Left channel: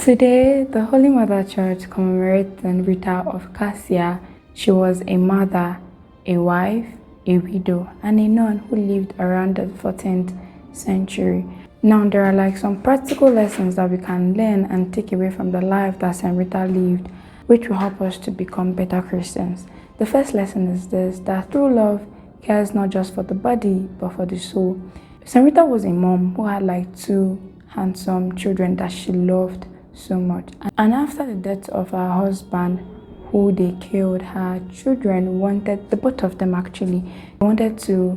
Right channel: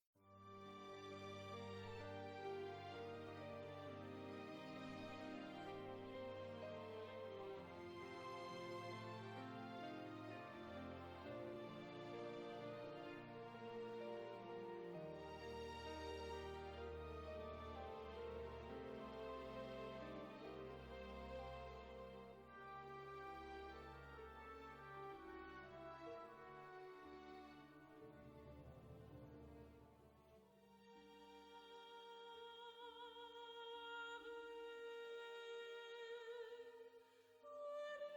Today, the Holy Mother Church commemorates St Rita of Cascia. She was a mother, a wife, a widow, and a nun who lived around the 14th century. Now, there are some practical lessons that we can learn and take away from the life that St Rita lived, which will help us to become better Christians. The first lesson is this, that true love cares not just for the body, but for the soul. St Rita was a mom who had two handsome children that she loved so much. And after the death of her husband, who they killed, her children wanted, the both of them actually, wanted to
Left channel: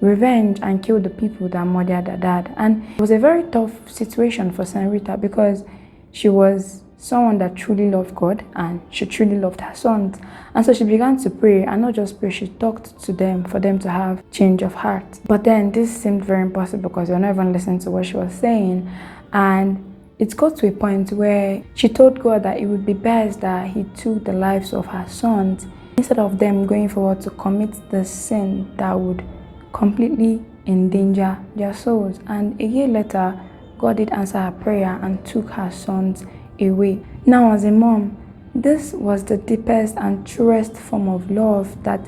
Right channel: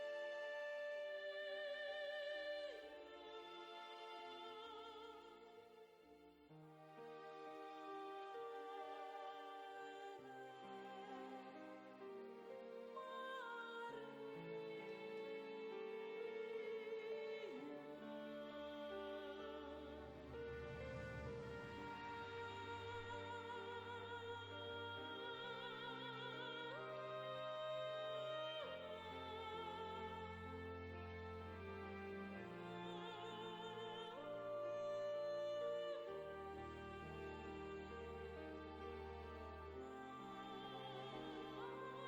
revenge and kill the people that murdered their dad. And it was a very tough situation for St Rita because she was someone that truly loved God and she truly loved her sons. And so she began to pray, and not just pray, she talked to them for them to have change of heart. But then this seemed very impossible because they were not even listening to what she was saying. And it got to a point where she told God that it would be best that he took the lives of her sons instead of them going forward to commit the sin that would completely endanger their souls. And a year later, God did answer her prayer and took her sons away. Now, as a mom, this was the deepest and truest form of love that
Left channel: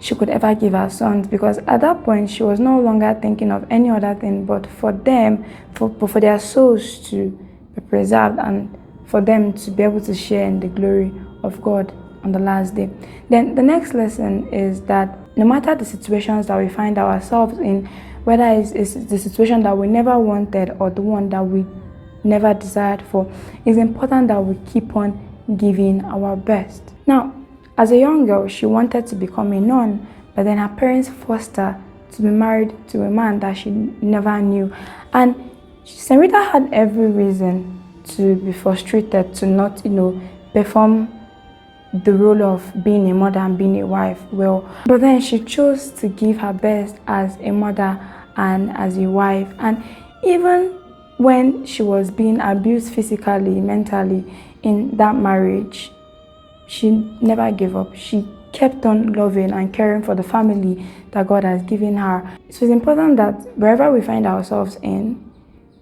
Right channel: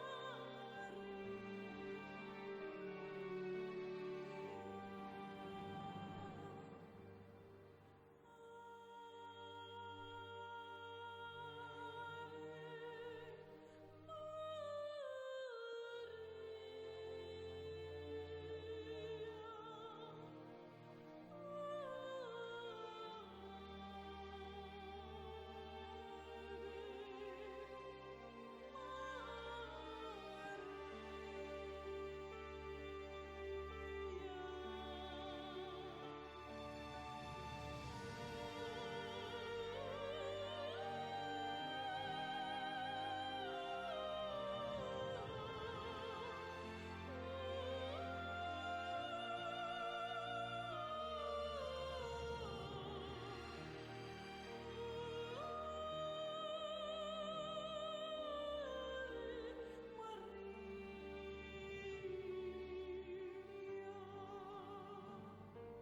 she could ever give her sons, because at that point she was no longer thinking of any other thing but for them, for their souls to be preserved and for them to be able to share in the glory of God on the last day. Then the next lesson is that no matter the situations that we find ourselves in, whether it's the situation that we never wanted or the one that we never desired for, it's important that we keep on giving our best. Now, as a young girl, she wanted to become a nun, but then her parents forced her to be married to a man that she never knew. And St Rita had every reason to be frustrated, to not, perform the role of being a mother and being a wife well. But then she chose to give her best as a mother and as a wife. And even when she was being abused physically, mentally in that marriage, she never gave up. She kept on loving and caring for the family that God has given her. So it's important that wherever we find ourselves in,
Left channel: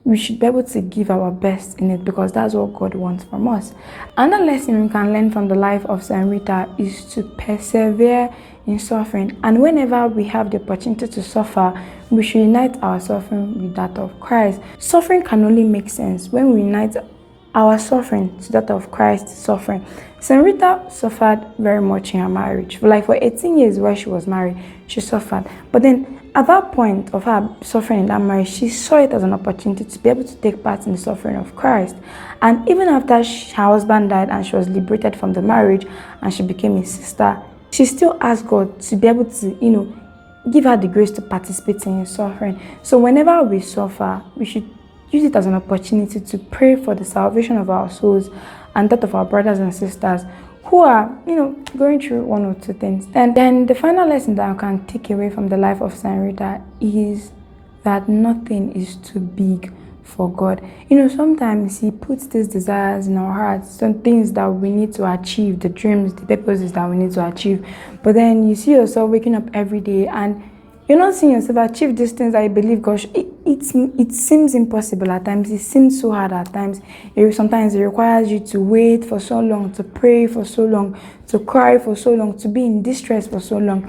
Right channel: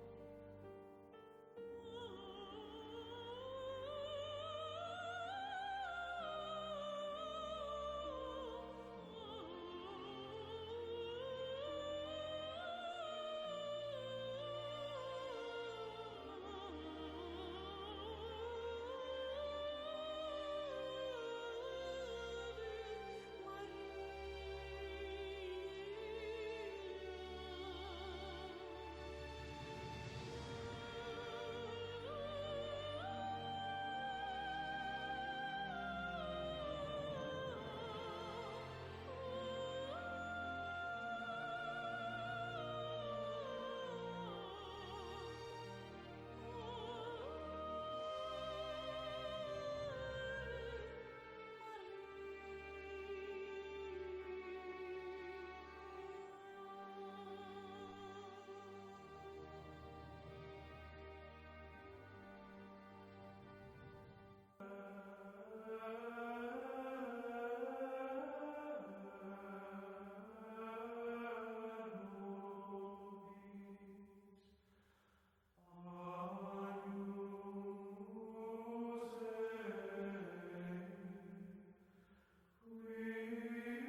we should be able to give our best in it, because that's what God wants from us. Another lesson we can learn from the life of St Rita is to persevere in suffering. And whenever we have the opportunity to suffer, we should unite our suffering with that of Christ. Suffering can only make sense when we unite our suffering to that of Christ's suffering. St Rita suffered very much in her marriage. For 18 years while she was married, she suffered. But then at that point of her suffering in that marriage, she saw it as an opportunity to be able to take part in the suffering of Christ. And even after her husband died and she was liberated from the marriage and she became his sister, she still asked God to be able to, give her the grace to participate in his suffering. So whenever we suffer, we should use it as an opportunity to pray for the salvation of our souls and that of our brothers and sisters who are, going through one or two things. And then the final lesson that I can take away from the life of St Rita is that nothing is too big for God. Sometimes he puts these desires in our hearts, some things that we need to achieve, the dreams, the purposes that we need to achieve. But then you see yourself waking up every day and you're not seeing yourself achieve these things that you believe. Gosh, it seems impossible at times. It seems so hard at times. Sometimes it requires you to wait for so long, to pray for so long, to cry for so long, to be in distress for so long.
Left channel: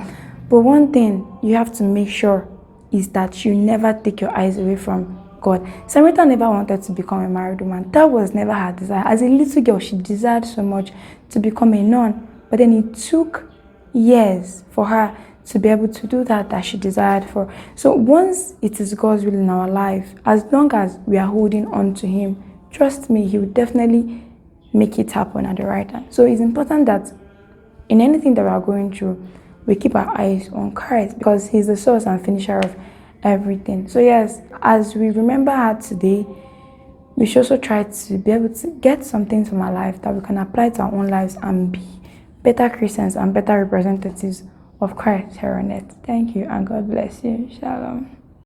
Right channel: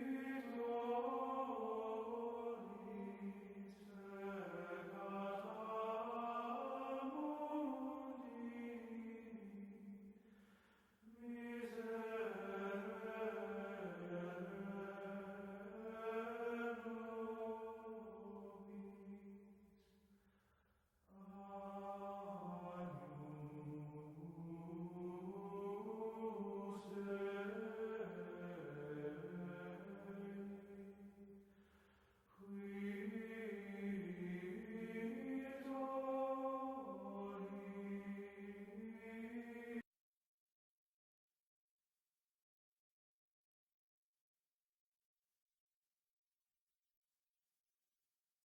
But one thing you have to make sure is that you never take your eyes away from God. St Rita never wanted to become a married woman. That was never her desire. As a little girl, she desired so much to become a nun. But then it took years for her to be able to do that she desired for. So once it is God's will in our life, as long as we are holding on to him, trust me, he will definitely make it happen at the right time. So it's important that in anything that we are going through, we keep our eyes on Christ, because he's the source and finisher of everything. So yes, as we remember her today, we should also try to be able to get some things from our life that we can apply to our own lives and be better Christians and better representatives of Christ here on earth. Thank you and God bless you. Shalom.